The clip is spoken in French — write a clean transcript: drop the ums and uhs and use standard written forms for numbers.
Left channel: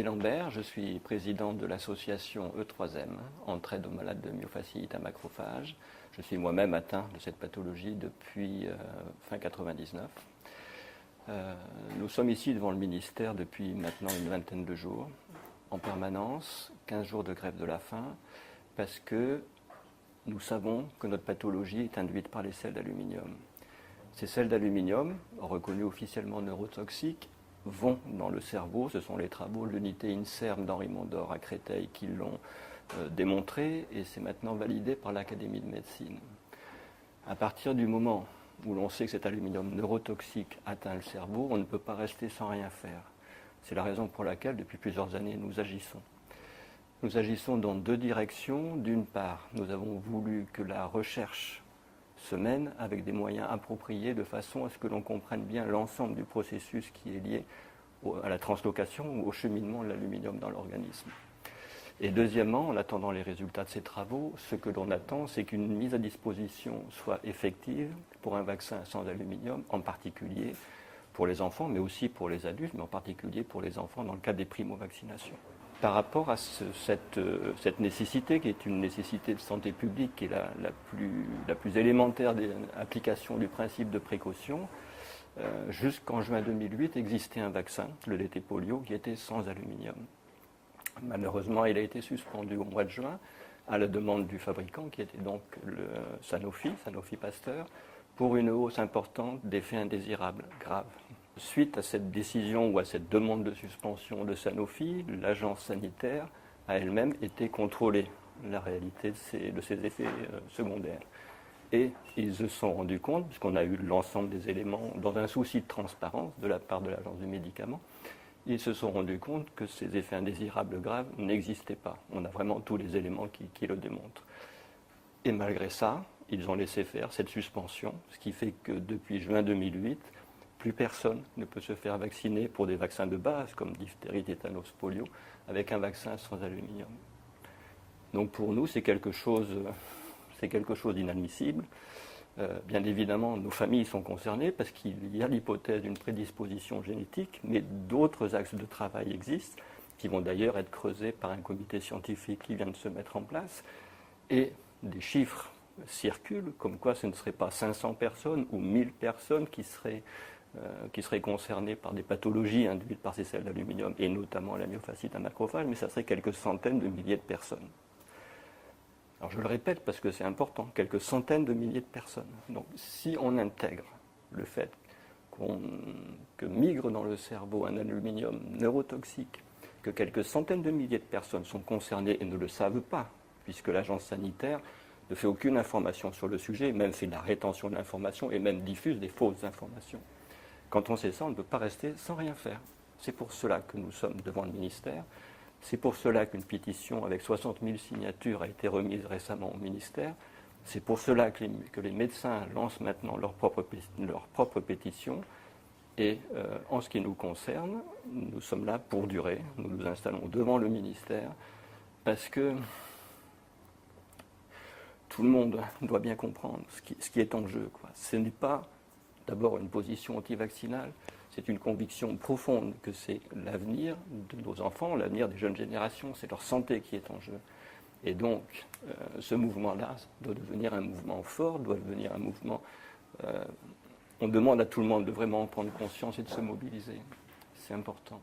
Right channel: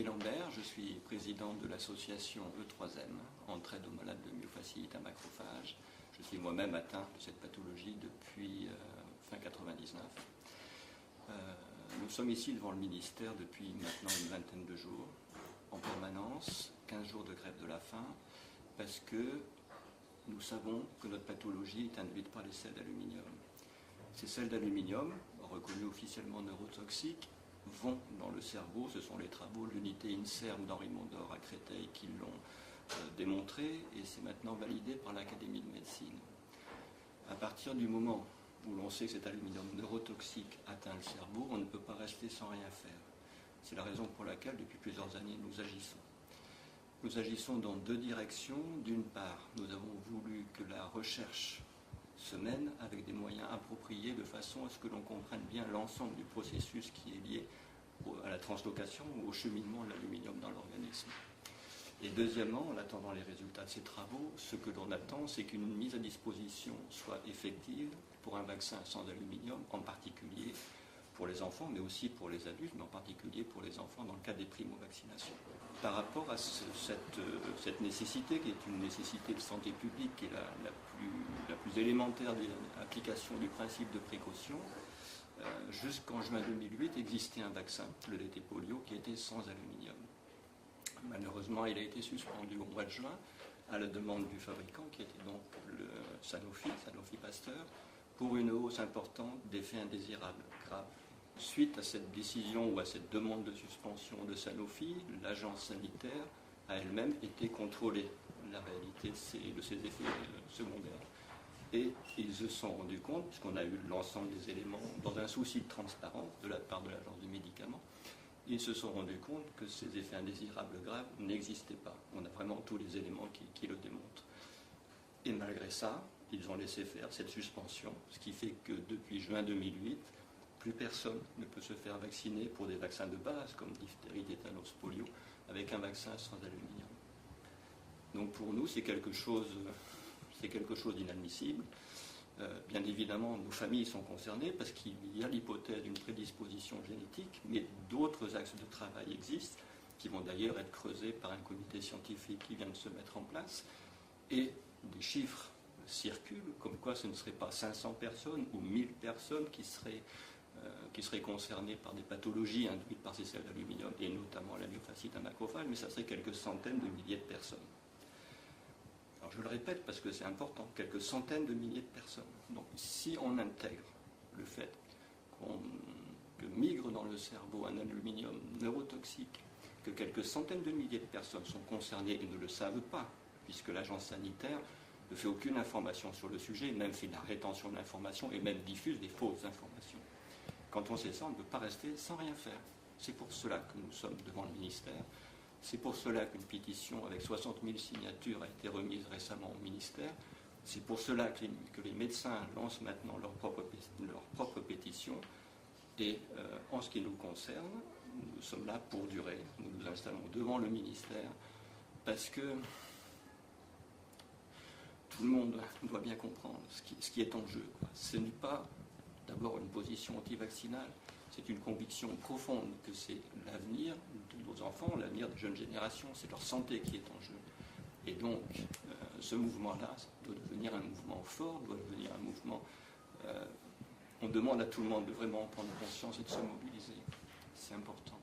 Didier Lambert, je suis président de l'association E3M, Entraide aux malades de myofasciite à macrophages. Je suis moi-même atteint de cette pathologie depuis fin 99. Nous sommes ici devant le ministère depuis maintenant une vingtaine de jours, en permanence, 15 jours de grève de la faim, parce que nous savons que notre pathologie est induite par les sels d'aluminium. Ces sels d'aluminium, reconnus officiellement neurotoxiques, vont dans le cerveau. Ce sont les travaux de l'unité INSERM d'Henri Mondor à Créteil qui l'ont démontré, et c'est maintenant validé par l'Académie de médecine. À partir du moment où l'on sait que cet aluminium neurotoxique atteint le cerveau, on ne peut pas rester sans rien faire. C'est la raison pour laquelle, depuis plusieurs années, nous agissons. Nous agissons dans deux directions. D'une part, nous avons voulu que la recherche se mène avec des moyens appropriés de façon à ce que l'on comprenne bien l'ensemble du processus qui est lié à la translocation ou au cheminement de l'aluminium dans l'organisme. Et deuxièmement, en attendant les résultats de ces travaux, ce que l'on attend, c'est qu'une mise à disposition soit effective pour un vaccin sans aluminium, en particulier pour les enfants, mais aussi pour les adultes, mais en particulier pour les enfants dans le cadre des primo-vaccinations. Par rapport à cette nécessité, qui est une nécessité de santé publique, qui est la plus élémentaire des applications du principe de précaution, jusqu'en juin 2008 existait un vaccin, le DT polio, qui était sans aluminium. Malheureusement, il a été suspendu au mois de juin à la demande du fabricant, qui était donc le Sanofi Pasteur, pour une hausse importante d'effets indésirables graves. Suite à cette décision ou à cette demande de suspension de Sanofi, l'agence sanitaire a elle-même été contrôlée la réalité de ces effets secondaires. Et ils se sont rendus compte, puisqu'on a eu l'ensemble des éléments dans un souci de transparence de la part de l'agence du médicament, ils se sont rendus compte que ces effets indésirables graves n'existaient pas. On a vraiment tous les éléments qui le démontrent. Et malgré ça, ils ont laissé faire cette suspension, ce qui fait que depuis juin 2008, plus personne ne peut se faire vacciner pour des vaccins de base, comme diphtérie, tétanos, polio, avec un vaccin sans aluminium. Donc pour nous, c'est quelque chose d'inadmissible. Bien évidemment, nos familles sont concernées parce qu'il y a l'hypothèse d'une prédisposition génétique, mais d'autres axes de travail existent, qui vont d'ailleurs être creusés par un comité scientifique qui vient de se mettre en place. Et des chiffres circulent, comme quoi ce ne serait pas 500 personnes ou 1000 personnes qui seraient concernées par des pathologies induites par ces sels d'aluminium, et notamment la myofasciite à macrophage, mais ça serait quelques centaines de milliers de personnes. Alors je le répète parce que c'est important, quelques centaines de milliers de personnes. Donc si on intègre le fait que migre dans le cerveau un aluminium neurotoxique, que quelques centaines de milliers de personnes sont concernées et ne le savent pas, puisque l'agence sanitaire ne fait aucune information sur le sujet, même fait de la rétention de l'information et même diffuse des fausses informations. Quand on sait ça, on ne peut pas rester sans rien faire. C'est pour cela que nous sommes devant le ministère. C'est pour cela qu'une pétition avec 60 000 signatures a été remise récemment au ministère. C'est pour cela que les médecins lancent maintenant leur propre pétition. Et en ce qui nous concerne, nous sommes là pour durer. Nous nous installons devant le ministère parce que tout le monde doit bien comprendre ce qui est en jeu, quoi. Ce n'est pas d'abord une position anti-vaccinale. C'est une conviction profonde que c'est l'avenir de nos enfants, l'avenir des jeunes générations, c'est leur santé qui est en jeu. Et donc, ce mouvement-là doit devenir un mouvement fort, doit devenir un mouvement... on demande à tout le monde de vraiment en prendre conscience et de se mobiliser. C'est important.